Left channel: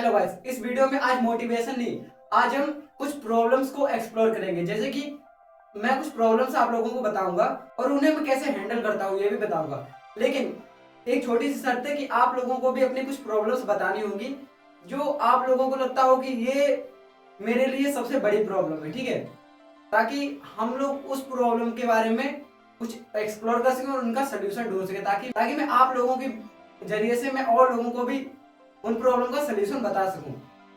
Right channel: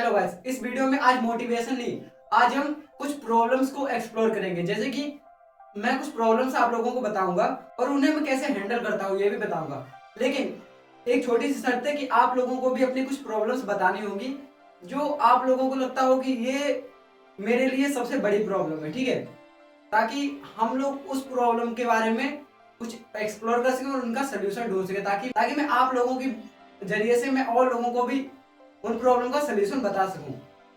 Hello guys, इस video में आज मोटिवेशन नहीं, आज हम कुछ प्रॉब्लम्स को एक्सप्लोर करेंगे। जैसे कि मैं कुछ प्रॉब्लम्स आप लोगों को बताऊंगा और उन्हें मैं कैसे हैंडल करता हूँ ये भी बताऊंगा। लेकिन एक छोटी सी शर्त है कि आप लोगों को भी अपनी कुछ प्रॉब्लम्स बतानी होंगी जो आप लोगों को लगता हो कि ये मेरे लिए सबसे बड़ी प्रॉब्लम है, ठीक है। ताकि हम लोग उस प्रॉब्लम के बारे में कुछ एक्सप्लोर कर सकें और उनका सोल्यूशन ढूंढ सकें, ताकि ताकि मैं आप लोगों के जरिए से मैं और लोगों को भी उन प्रॉब्लम का सोल्यूशन बता सकूं।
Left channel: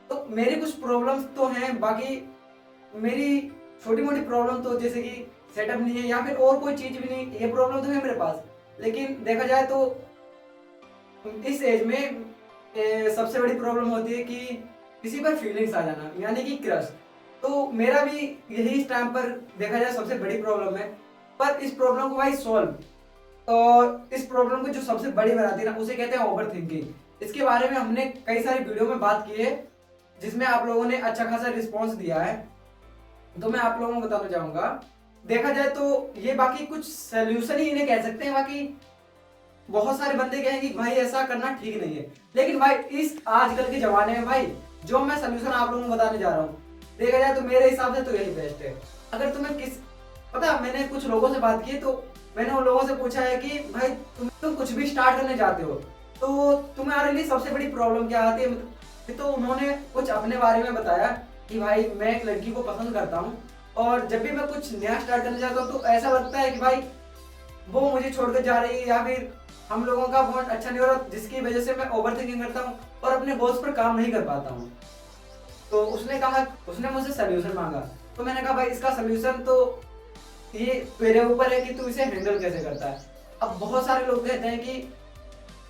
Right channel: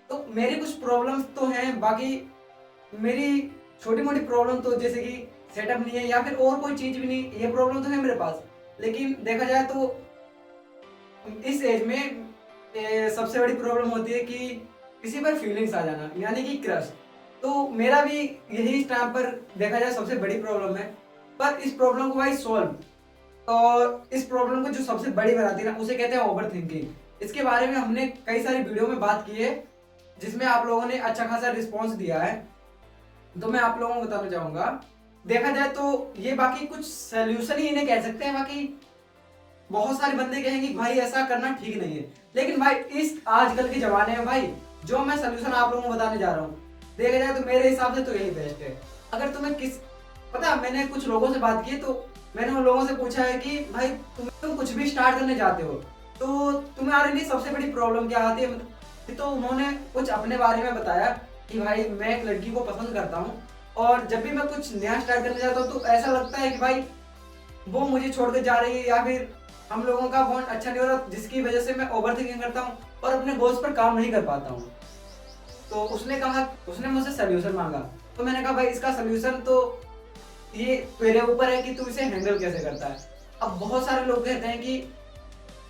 तो मेरी कुछ प्रॉब्लम्स तो हैं, बाकी मेरी छोटी मोटी प्रॉब्लम तो जैसे कि सेटअप नहीं है या फिर और कोई चीज भी नहीं, ये प्रॉब्लम तो है मेरे पास। लेकिन देखा जाए तो इस एज में सबसे बड़ी प्रॉब्लम होती है कि किसी पर फीलिंग्स आ जाना, यानी कि क्रश। तो मेरा भी यही इस टाइम पर देखा जाए सबसे बड़ी प्रॉब्लम है। पर इस प्रॉब्लम को भाई सॉल्व, और इस प्रॉब्लम को जो सबसे बड़ी बनाती है ना, उसे कहते हैं ओवर थिंकिंग। इसके बारे में हमने कई सारी वीडियो में बात की है जिसमें आप लोगों ने अच्छा खासा रिस्पॉन्स दिया है। तो मैं आप लोगों को बताना चाहूंगा, देखा जाए तो ये बाकी कुछ सोल्यूशन ही इन्हें कह सकते हैं। बाकी बहुत सारे बंदे कहेंगे कि भाई ऐसा करना ठीक नहीं है, लेकिन भाई इस आजकल के जमाने में भाई जो मैं सोल्यूशन आप लोगों को बताने जा रहा हूँ, देखा जाए तो मेरे हिसाब से तो यही बेस्ट है। अगर तुम्हें किस पता, मैंने कुछ लोगों से बात की तो मैंने उन लोगों से पूछा है कि भाई तुम कुछ भी स्टार्ट करने जाते हो तो तुम्हारे लिए सबसे बड़ी प्रॉब्लम क्या आती है, मतलब तो उन्होंने कुछ अपने बारे में बताया कि भाई मैं एक लड़की को पसंद करता हूँ, और जब भी मैं कुछ नया स्टार्ट करने जाता हूँ तो ऐसा लगता है कि भाई वो मुझे छोड़कर जा रही है, या फिर हम लोगों का बॉन्ड अच्छा नहीं हो रहा, जिसकी वजह से मैं ओवर थिंकिंग करता हूँ और अपने गोल्स पर काम नहीं कर पाता हूँ। तो उसने मुझसे सोल्यूशन मांगा। तो मैंने कहा भाई इसका सोल्यूशन तो ये तेरे ऊपर है कि तू इसे हैंडल कैसे करता है। अब बहुत सारे लोग कहते हैं कि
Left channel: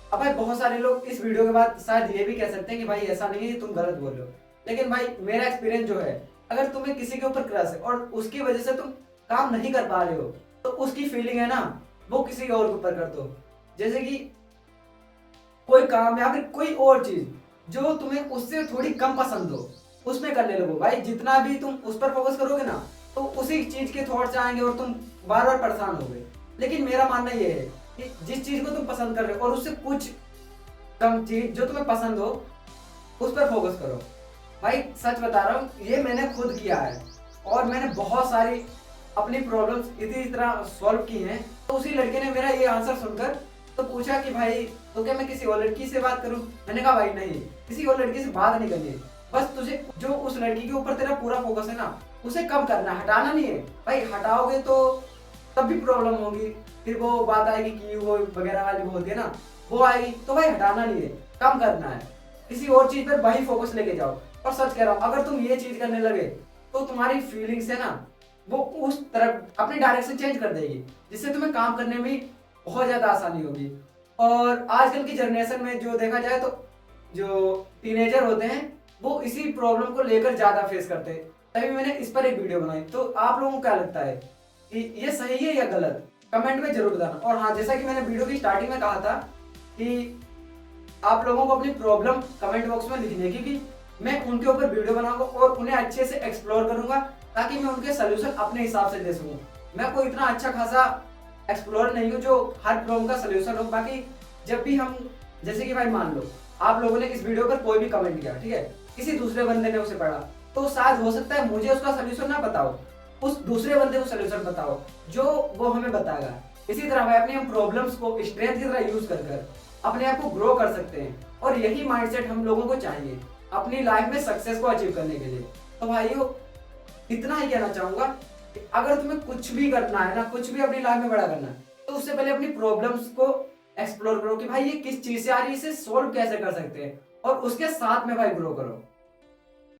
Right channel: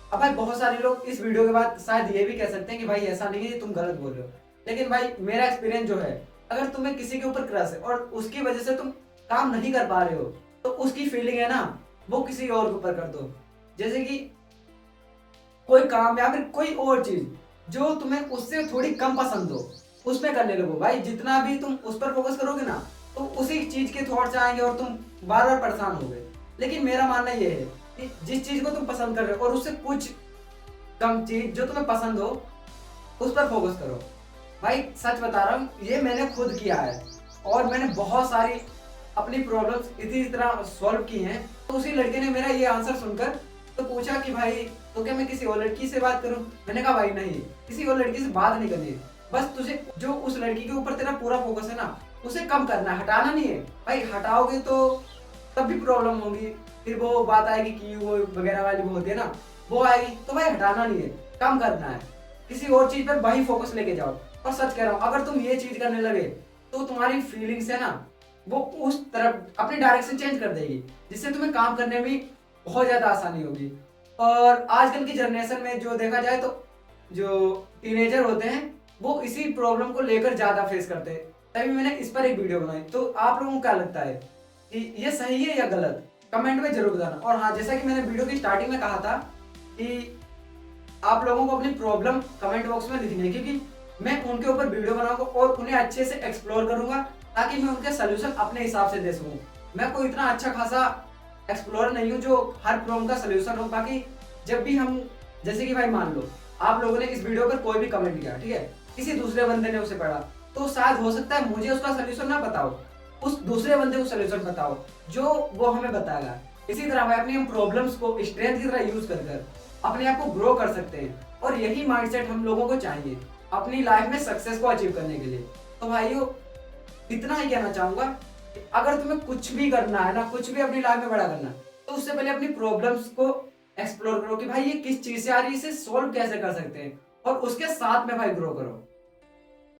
अब भाई बहुत सारे लोग इस वीडियो के बाद शायद ये भी कह सकते हैं कि भाई ऐसा नहीं है, तुम गलत बोल रहे हो। लेकिन भाई मेरा एक्सपीरियंस जो है, अगर तुम्हें किसी के ऊपर क्रश है और उसकी वजह से तुम काम नहीं कर पा रहे हो, तो उसकी फीलिंग है ना, वो किसी और के ऊपर कर दो। जैसे कि कोई काम या फिर कोई और चीज जो तुम्हें उससे थोड़ी कम पसंद हो, उसमें करने लगो। भाई जितना भी तुम उस पर फोकस करोगे ना, तो उसी चीज के थॉट्स आएंगे और तुम बार बार परेशान होगे। लेकिन मेरा मानना ये है कि जिस चीज को तुम पसंद कर रहे हो और उससे कुछ कम चीज जो तुम्हें पसंद हो, उस पर फोकस करो। भाई सच बता रहा हूँ, ये मैंने खुद किया है और मैंने बहुत सारी अपनी प्रॉब्लम्स इसी तरह सॉल्व की हैं। तो उसी लड़के ने मेरा ये आंसर सुनकर तो पूछा कि भाई तो क्या मैं किसी और लड़की से बात करूं। मैंने कहा भाई नहीं, किसी और लड़की से बात नहीं करनी है, बस तुझे जो उस लड़की के ऊपर तेरा पूरा फोकस है ना, उसे कम करना है, हटाना नहीं है। भाई हटाओगे तो तब भी प्रॉब्लम होगी, फिर वो बात आएगी कि वो वगैरह वाली वो होती है ना, वो आएगी। तो भाई हटाना नहीं है, कम करना है, किसी और चीज पर वही फोकस लेके जाओ। और सच कह रहा हूँ, अगर तुम ये चीज करने लगे तो तुम्हारी फीलिंग्स है ना, वो उस तरफ अपनी डायरेक्शन चेंज कर देगी, जिससे तुम्हें काम करने में बहुत ज्यादा आसानी होगी। और आजकल की जनरेशन में जो देखा जाए तो जो टीनेजर होते हैं वो इसी प्रॉब्लम को लेकर ज्यादा फेस करते हैं। तभी मैंने इस पर एक वीडियो बनाई। तो आप लोगों को क्या लगता है कि ये सही है या गलत, कमेंट में जरूर बताना। और हाँ, जैसा कि मैंने वीडियो की स्टार्टिंग में कहा था कि आप लोगों को अपनी प्रॉब्लम कमेंट बॉक्स में लिखनी है, क्योंकि मैं उनके ऊपर वीडियो बनाऊंगा और उन्हें अच्छे से एक्सप्लोर करूंगा, ताकि मैं उनके सोल्यूशन अपने हिसाब से दे सकूं। मैं कोई इतना अच्छा खासा एक्सप्लोर नहीं हूं जो हर प्रॉब्लम का सोल्यूशन हो। बाकी जब भी हम, जैसे कि भाई मान लो आप लोगों ने इस वीडियो पर कोई भी कमेंट किया, ठीक है, किसी दूसरे बंदे ने उसे पढ़ा, तो शायद हो सकता है मुझे उसका सोल्यूशन ना बताओ, उस दूसरे बंदे को सोल्यूशन बताओ जो वो हमें बताएगा। इसी तरह भाई अपनी हम प्रॉब्लम्स को स्ट्रेंथ की तरह यूज कर अपने आप को ग्रो कर सकते हैं। और यही माइंडसेट हम लोगों को चाहिए अपनी लाइफ में सक्सेस को अचीव करने के लिए। तो भाइयों, इतना ही कहना चाहूंगा कि अगर तुम्हें कुछ भी करना है ना, कुछ भी अपनी लाइफ में बड़ा करना है, तो उससे पहले अपनी प्रॉब्लम्स को एक्सप्लोर करो कि भाई ये किस चीज से आ रही है, इसे सॉल्व कैसे कर सकते हैं, और उसके साथ में भाई ग्रो करो।